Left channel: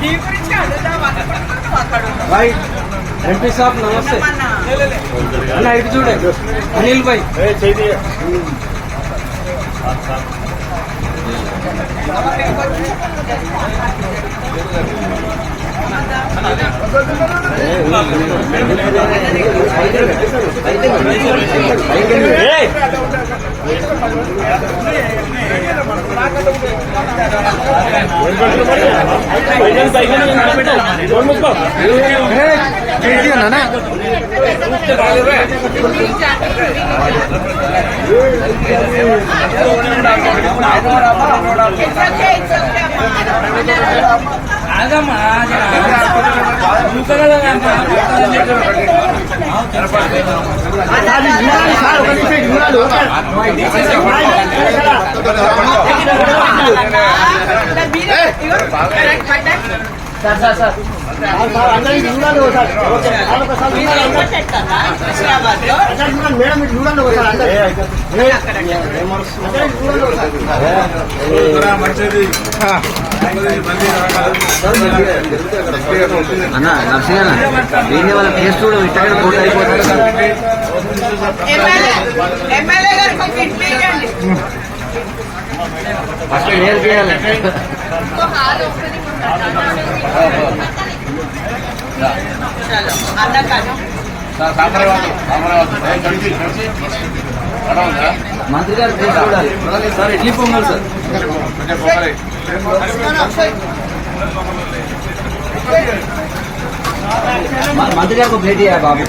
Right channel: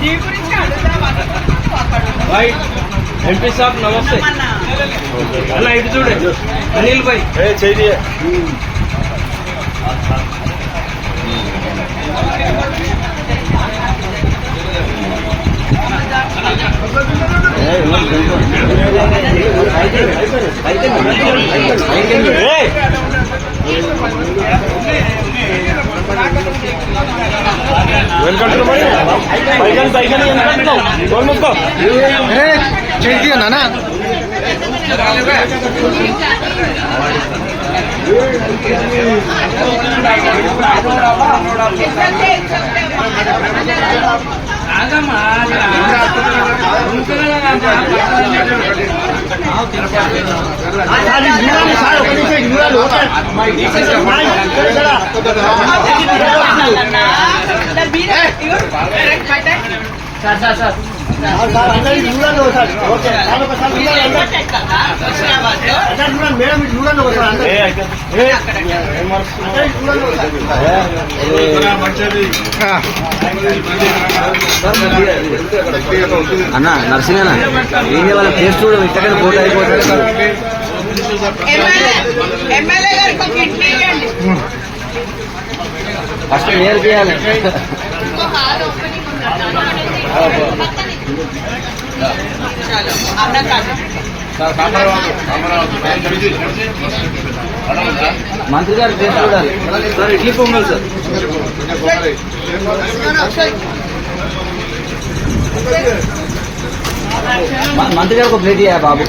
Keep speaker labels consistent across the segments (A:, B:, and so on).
A: నీ గురించి అడుగుదాం
B: ఎంపీ సాబ్ నమస్తే అన్న ఇటు చూడండి అనిల్ భాయ్
C: నానా అన్న నరసింహ వీళ్ళు వాళ్ళ టేస్ట్ ఇట్టగా ఫోటో
A: ఎమ్మెల్యే గారికి
C: ఫస్ట్ వేరు చేయాలి? మంత్రి గారు చూడాలి క్లిప్ ఉంది సార్ మంత్రి గారికి ఒక ప్లేట్ ఇయ్య బాబు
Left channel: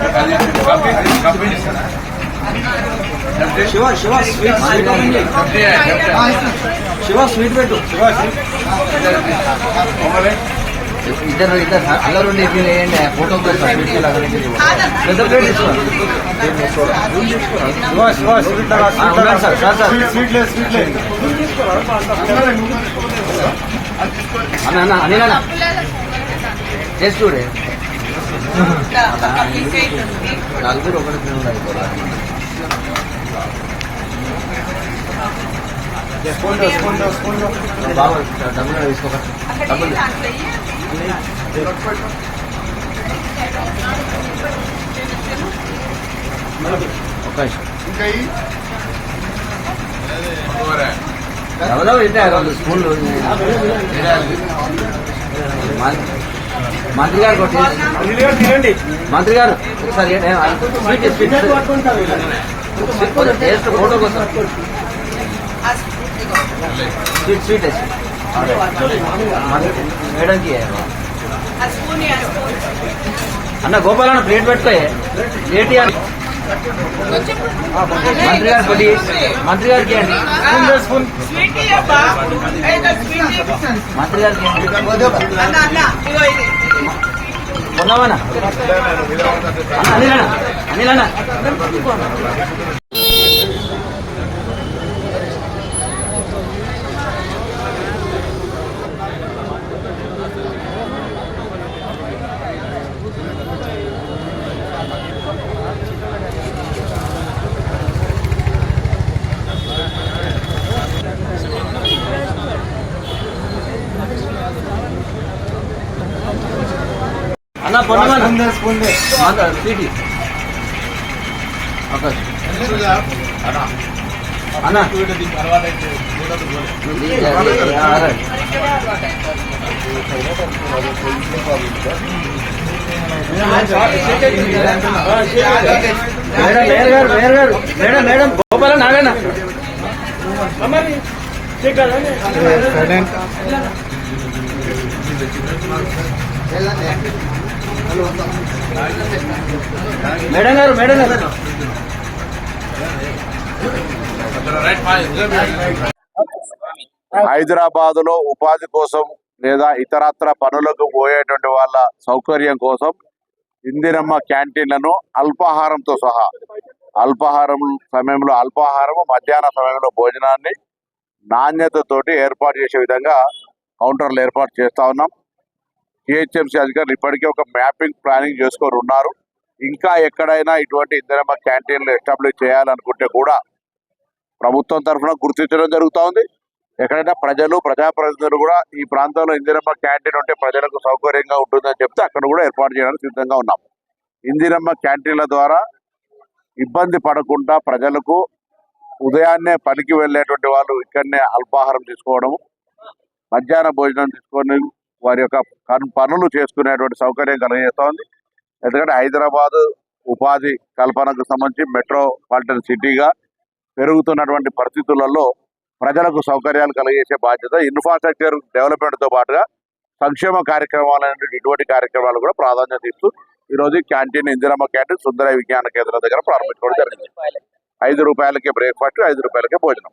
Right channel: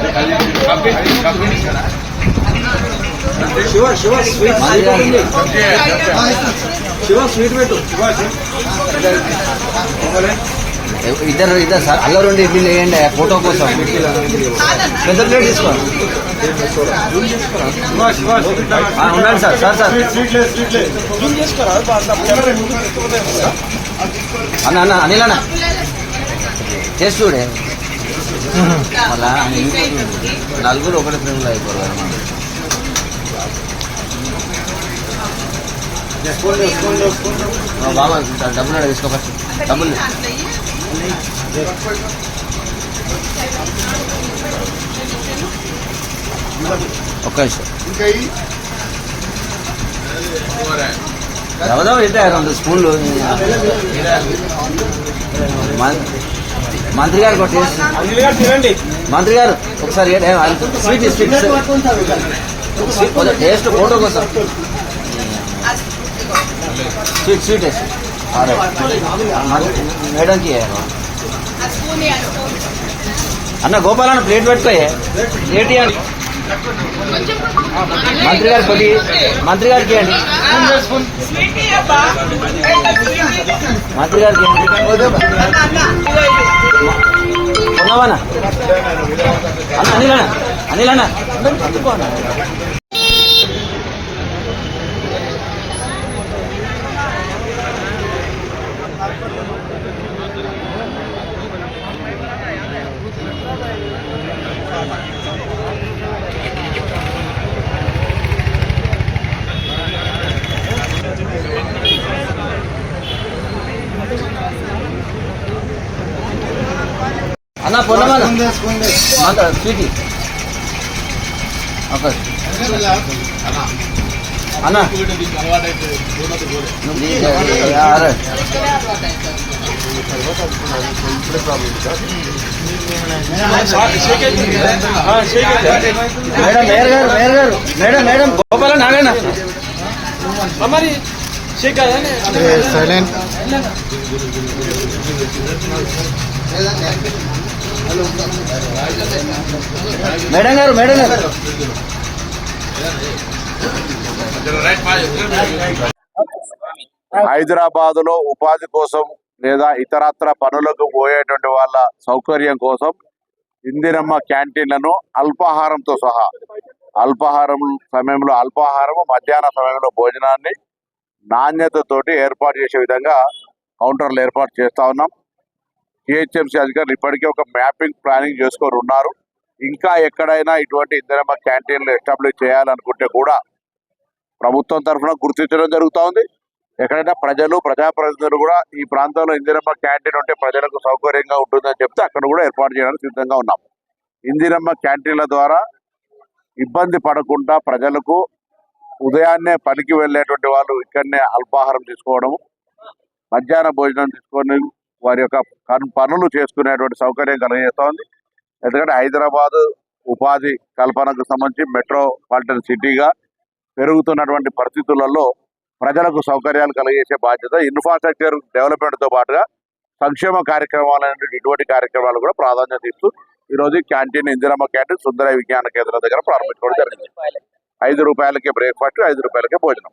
C: శివ శివ స్వీట్ శివ స్వీట్ పెట్టు ఇద్దరు ఇద్దరు సార్ అలా రెండు వేయండి ఫోటో కోసం పెద్ద ప్లేట్ సార్ సార్ సార్ అన్న అన్న అనిల్ అన్న టేస్ట్ చూడే నలుగురు ఒకటి ఫ్రెండ్ అయిపోవాలి తీసుకో ఒక్క నిమిషం. ఎవరో అయితే స్కూల్లో మంత్రి గారు కొట్టేసి మంత్రి గారు ఒకసారి ఏ- sweet sweet sweet taste photo కోసం స్వీట్ స్వీట్ వేసి మేడంకి
A: ఆ స్పూన్ ఇవ్వండి, స్పూన్.
C: అన్న గోపాలను ప్లేట్ పెట్టుకో ఏంటి అని మంత్రి గారు కొద్ది మంత్రి గారికి ఇవ్వండి.
A: స్వీట్ ఇవ్వబ్బా. ఏదో స్వీట్ ఇవ్వు.
C: మంత్రి గారికి ఇవ్వండి.
A: అన్న అన్న ఇవ్వు ఇది.
C: కొనవనా? అనిలనా అనిలనా అన్న పొన్నమన్న స్వీట్ ఓకే అన్న madam madam Gopala Narayana silent. Madam గారు మేడం గారు.
D: హైదరాబాద్లో ఉపాధి కోసం లేదా ఇతరత్ర పనులకు పోయేటువంటి వాళ్ళ సౌకర్యం కోసం ఇందిరమ్మ క్యాంటీన్లను అల్పాహారంతో సహా అల్పాహారం సమయంలో అల్పాహారం మధ్యాహ్న సమయంలో భోజనాన్ని నాణ్యతతోటి ఏర్పాటు చేసే విధంగా కౌంటర్లు ఏర్పాటు చేస్తా ఉన్నాం. జిహెచ్ఎంసీ అధికారులు ఇప్పటికే ఒక మ్యాపింగ్ ప్లానింగ్ చేసుకొని ఉన్నారు. ఇంకా ఎక్కడైనా ఇటువంటి ఇందిరమ్మ క్యాంటీన్లు ఎస్టాబ్లిష్ చేయాలనుకుంటే కూడా ప్రభుత్వం తరఫున గుర్తించడం జరుగుతూ ఉంది. ఎక్కడైనా ప్రజలు ప్రజాప్రతినిధులు కూడా ఈ ప్రాంతంలో ఇందిరమ్మ క్యాంటీన్ ఉంటే ప్రజలకు సౌకర్యంగా ఉంటుందని చెప్తే అక్కడ కూడా ఏర్పాటు చేయడానికి సిద్ధంగా ఉన్నాం. ఇందిరమ్మ క్యాంటీన్ల ద్వారా ఇబ్బంది పడకుండా ప్రజలకు ఉదయాన్నే పనికి వెళ్ళేటువంటి వాళ్ళు ఇక్కడనే అల్పాహారం తీసుకోవడం మధ్యాహ్న భోజనం తీసుకొని వారి యొక్క పనులు చేసుకునేటువంటి సౌకర్యం కలిగజేస్తోంది. ఎందుకంటే హైదరాబాద్ ఉపాధి కల్పనకు సంబంధించి మెట్రోపాలిటన్ సిటీగా పెరుగుతున్నటువంటి పరిస్థితులలో ప్రజలకు సౌకర్యాలు కలిగేసే బాధ్యత ఇన్ఫ్రాస్ట్రక్చర్ డెవలప్మెంట్తో పాటుగా సంక్షేమ కార్యక్రమాలు ఇటువంటి కార్యక్రమాలు కూడా ప్రాధాన్యత ఇస్తూ ఈ రోజు క్యాంటీన్ ఇందిరమ్మ క్యాంటీన్ సుందర విజ్ఞాన కేంద్రం దగ్గర ప్రారంభించుకోవడం జరిగింది. ఐదు రూపాయలకే బ్రేక్ఫాస్ట్ ఐదు రూపాయలకే భోజనం.